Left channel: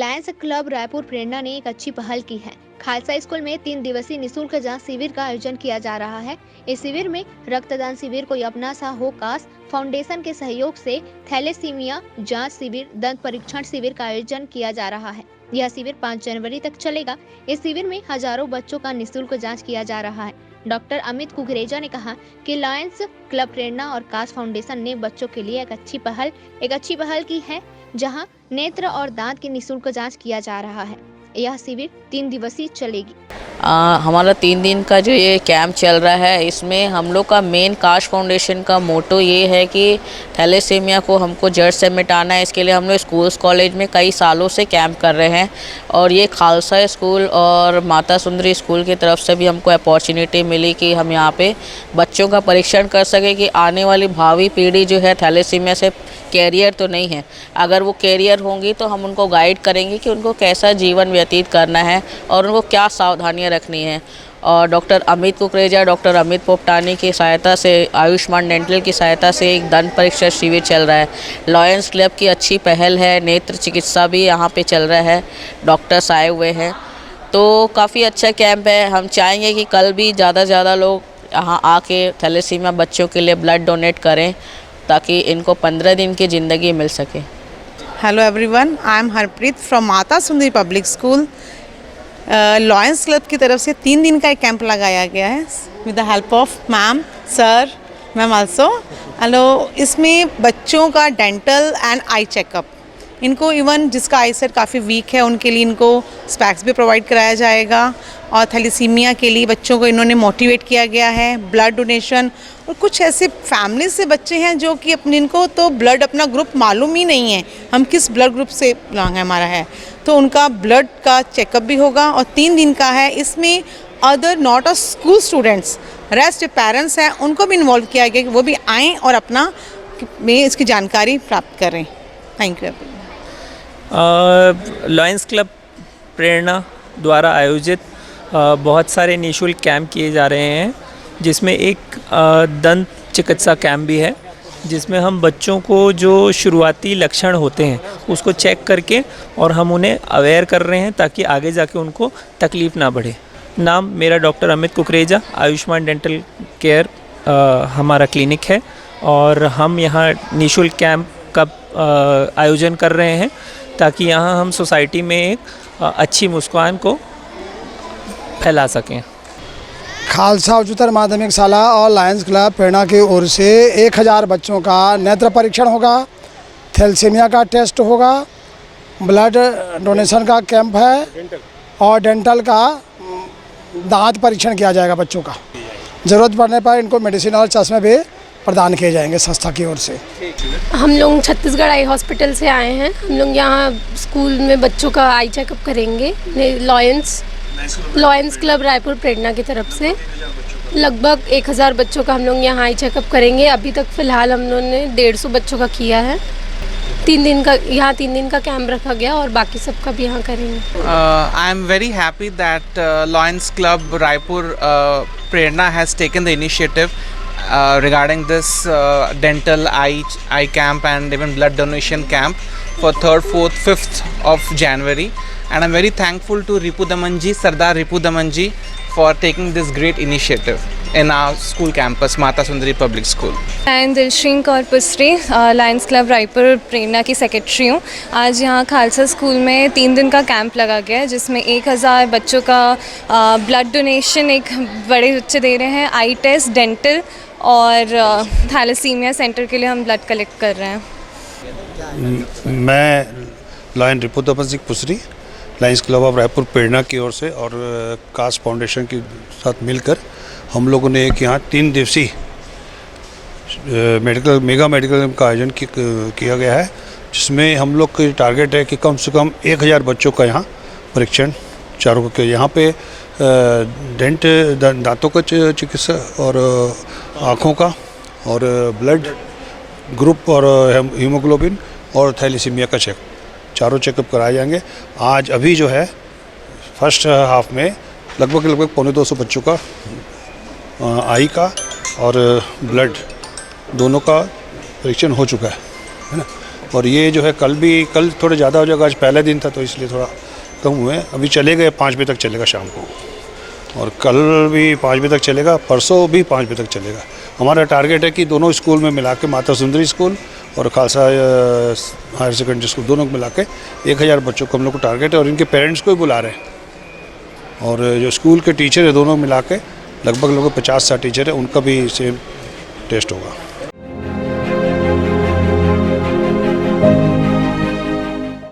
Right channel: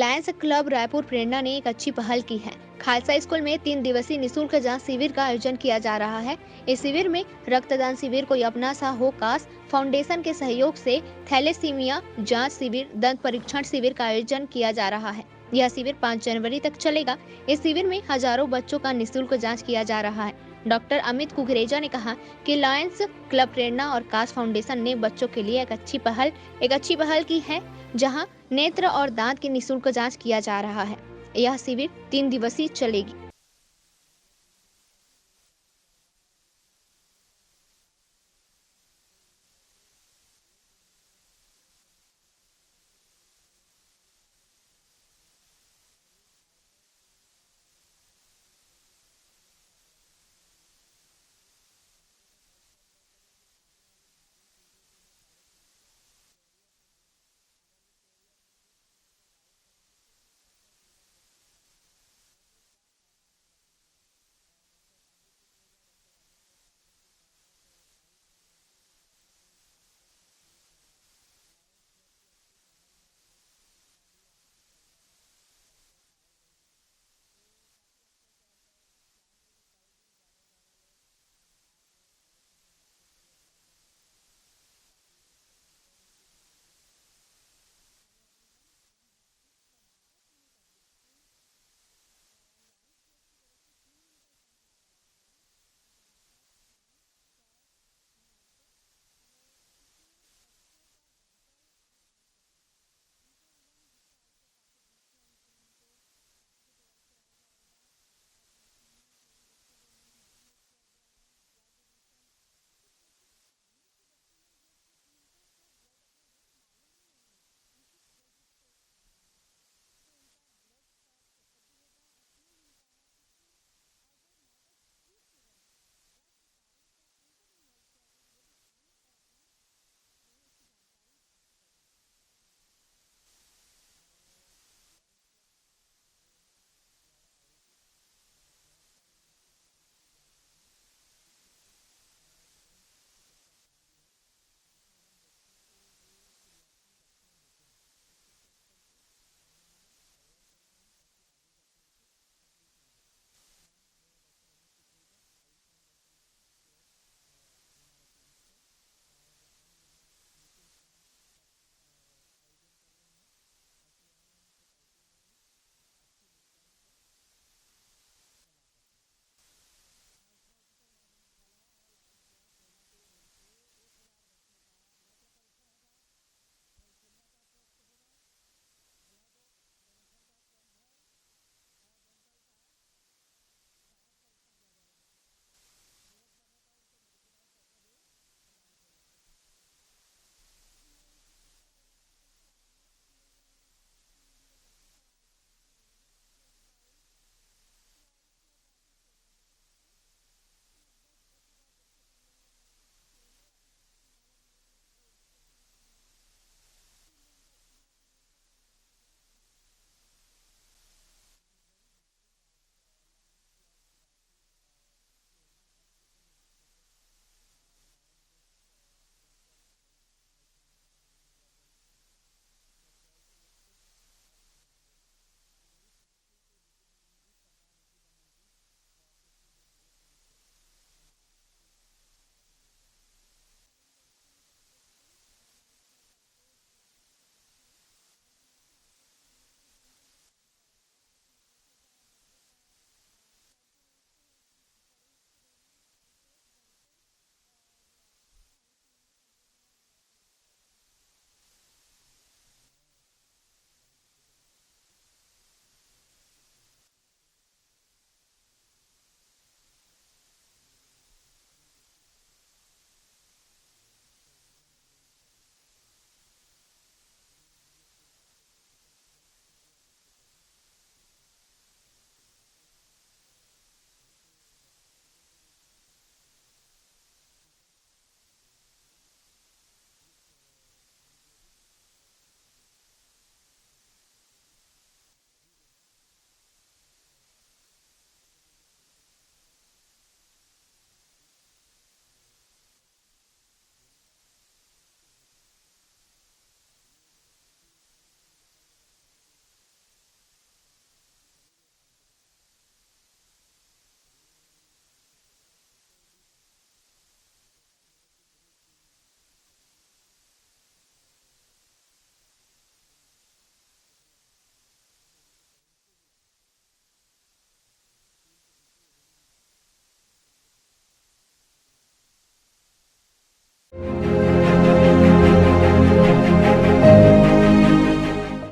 Lions club Raipur प्रेरणा ने एक अच्छी पहल की है। खालसा स्कूल में 3 दिवसीय निःशुल्क जांच शिविर का आयोजन किया जा रहा है। इस शिविर में रक्तदान शिविर, कोई अपना सा हो कास फाउंडेशन के सहयोग से थैलेसीमिया जांच शिविर, दंत परीक्षण शिविर का आयोजन किया जा रहा है। यह शिविर 5 जनवरी तक चलेगा। इस शिविर में हजारों बच्चों का निःशुल्क जांच किया जा रहा है। डॉक्टर अमित कुकरेजा ने कहा कि लायंस क्लब प्रेरणा और कास फाउंडेशन ने बच्चों के लिए एक अच्छी पहल की है, जहां नेत्र और दांत की निःशुल्क जांच किया जा रहा है। यह शिविर 3 दिवसीय चलेगी। हमारा 3 दिन का जो ये कैंप चल रहा है, इसमें हम लोग का मेन काश फाउंडेशन का मोटो ये है कि थैलेसीमिया को हमको जड़ से मिटाना है। इसके लिए हम लोग स्कूल्स कॉलेज में कई सालों से कैंप कर रहे हैं और ये खालसा स्कूल और माता सुंदरी स्कूल की तरफ से भी हमको अपॉर्चुनिटी मिली कि हम यहाँ पे बच्चों का परीक्षण कर सकें कि आने वाली भावी पीढ़ी जो है थैलेसीमिया से कैरियर तो नहीं है, अगर वो कैरियर होंगी तो हम उनको गाइड करेंगे कि उनको कैसा जीवन व्यतीत करना है और उनको क्या सावधानियां रखनी है। और डॉक्टर अमित कुकरेजा, डॉक्टर अमित पोपटानी की सहायता से, आयुष्मान डेंटल की सहायता से एक दंत परीक्षा शिविर चल रहा है। लायंस क्लब की अच्छी पहल है, नेत्र चिकित्सा भी यहाँ पे चल रहा है, डॉक्टर्स आए हुए हैं, तो काफ़ी अच्छा कैंप है। हम चाहेंगे कि कल भी ज़्यादा से ज़्यादा लोग यहाँ आके थैलेसीमिया बच्चों के लिए ब्लड डोनेट करें ताकि इनको 15 दिन की ज़िंदगी मिल सके। Hello everyone, I am Harpreet from Mata Sundari public school. Lions club की तरफ से 3 दिन का एक कैंप लगाया गया है with the help of ma'am, sir, ma'am also. Hello, इसमें बच्चों का डेंटल एंड आई चेकअप, इनको इवन जिसका आई सेट काफ़ी वीक है उनके लिए इनको स्पैक्स भी प्रोवाइड कराया जाएगा। और थैलेसीमिया के लिए बच्चों को इन्होंने मोटिवेट किया गया है, ब्लड डोनेशन। और कुछ ऐसे फैमिली से बच्चे हैं जो कि अपने इनको तो ब्लड अपना ग्रुप मालूम ही नहीं है, हम किस ब्लड ग्रुप से बिलोंग है हमारा है, तो उनका ब्लड का चेकअप भी होगा। और 3 दिन का है, इसमें other not a school students, rest parents हैं, उनको भी इन्वॉल्व किया गया कि वो भी आएँ और अपना में इसकी जानकारी प्राप्त करें। Thank you. लायंस क्लब प्रेरणा द्वारा आयोजित बहुत सारे निःशुल्क कैंप किए जा रहे हैं, जिसमें एक दंत चिकित्सा कैंप भी है, जिसमें हम बच्चों को जो शुरुआती लक्षण होते हैं उसको चेक करके और हम उन्हें अवेयर कर रहे हैं ताकि आगे जाके उनको तकलीफ़ ना बढ़े। नाम मेरा doctor Amit Kukreja, Ayushman dental care हमारा क्लिनिक है और हम यहाँ निःशुल्क कैंप का आयोजन कर रहे हैं ताकि यहाँ हम सोसाइटी में एक अच्छी मुस्कान को फैला सकें। खालसा उच्चतर माध्यमिक शाला और लायंस क्लब प्रेरणा की ओर से 1000 बच्चों का नेत्र परीक्षण होगा, थैलेसीमिया का टेस्ट होगा, ब्लड डोनेशन का कैंप है और डेंटल का दांत परीक्षण किया जाएगा बच्चों का। ज़रूरत पड़ने पर इनको मेडिसिन और चश्मे भी प्रदान किए जाएंगे संस्था की ओर से। हम लोग छत्तीसगढ़ आई हॉस्पिटल से आए हैं। हम लोग यहाँ स्कूल में बच्चों का आई चेकअप करेंगे। लायंस क्लब रायपुर प्रेरणा की तरफ से लगभग 1000 बच्चों का हम लोग यहाँ आई चेकअप करेंगे। अभी तक फ़िलहाल हम लोगों ने 150 बच्चों का किया है। 3 दिन का कैंप रखा गया और बाकी सबका भी यहाँ करेंगे। I am very happy that Lions club Raipur Prerna has taken the initiative regarding this dental eye camp and even blood donation camp for 3rd, 4th, 5th of January, and I'm very thankful to Ripu Damanji, Sardar Ripu Damanji, for taking this great initiative in our school campus, Mata Sundari Public School. मैं दिलश्रीन Kaur पुस्री, Lions club Raipur प्रेरणा की secretary हूँ। आज यहाँ Khalsa school में 3 दिन का camp लगा गया है, जिसमें 1000 बच्चों का ब्लड डोनेशन एक बड़े बच्चे दे रहे हैं, आई टेस्ट, डेंटल और थैलेसीमिया सेंटर के लिए हम ब्लड कलेक्ट कर रहे हैं। मैं lion Ripu Daman पुसरी, Lions club of Raipur प्रेरणा की ओर से और कास फाउंडेशन के साथ मिलकर हम लोगों ने एक यहाँ 3 दिवसीय मेगा मेडिकल का आयोजन किया गया है, जिसमें हम लोग का टारगेट है कि कम से कम 1000 बच्चों का यहाँ परीक्षण चारों के यहाँ पे दांतों का चिकित्सा और आँखों का और ब्लड ग्रुप और हीमोग्लोबिन और थैलेसीमिया का चारों चेकअप कराए जाएंगे। आज अभी जो है फर्स्ट हाफ में लगभग 250 बच्चों का आई का और ब्लड दोनों का परीक्षण हो चुका है ना। और ये जो है कल थोड़े ज़्यादा हो जाएगा, आज पहला दिन था तो इसलिए थोड़ा कम हुए। अभी चलेगा 5 बजे तक चलेगा शाम को, और कल भी 5 बजे तक चलेगा, परसों भी 5 बजे तक चलेगा। हमारा टारगेट है कि दोनों स्कूल में मिला के, माता सुंदरी स्कूल और खालसा हायर सेकेंडरी स्कूल, दोनों को मिला के 1000 बच्चों को हम लोग को टारगेट है, और इनके पेरेंट्स को भी बुला रहे हैं। और जो स्कूल के टीचर है दोनों मिला के लगभग 50-60 टीचर है, उनका भी सेम टेस्ट होगा।